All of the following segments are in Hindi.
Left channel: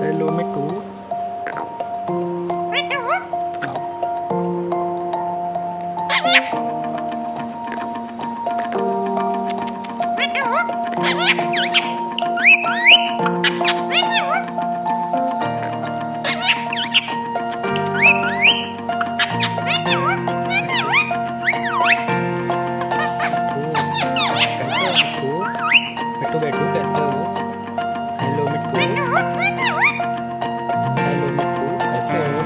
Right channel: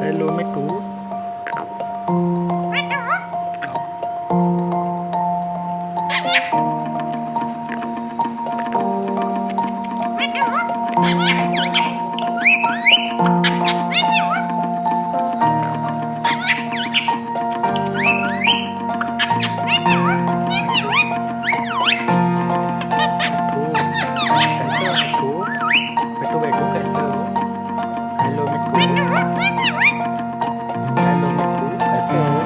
हेलो मिट्टू। कैसे हो मिट्टू? मिट्टू बैठू कैसे हो? हेलो मिट्टू। हेलो मिट्टू कैसे हो?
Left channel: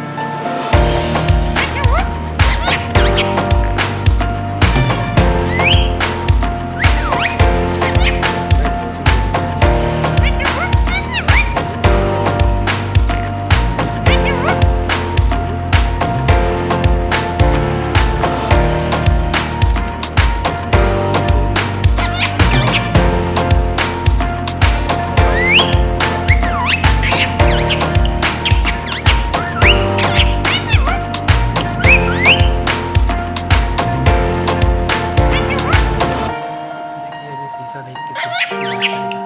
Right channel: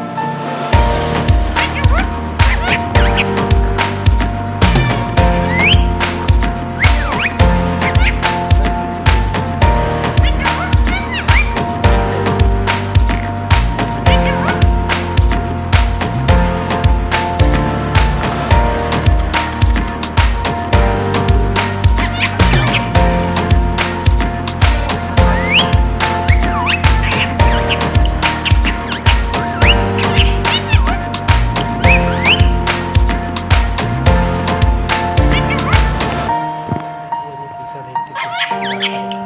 शीशा देख के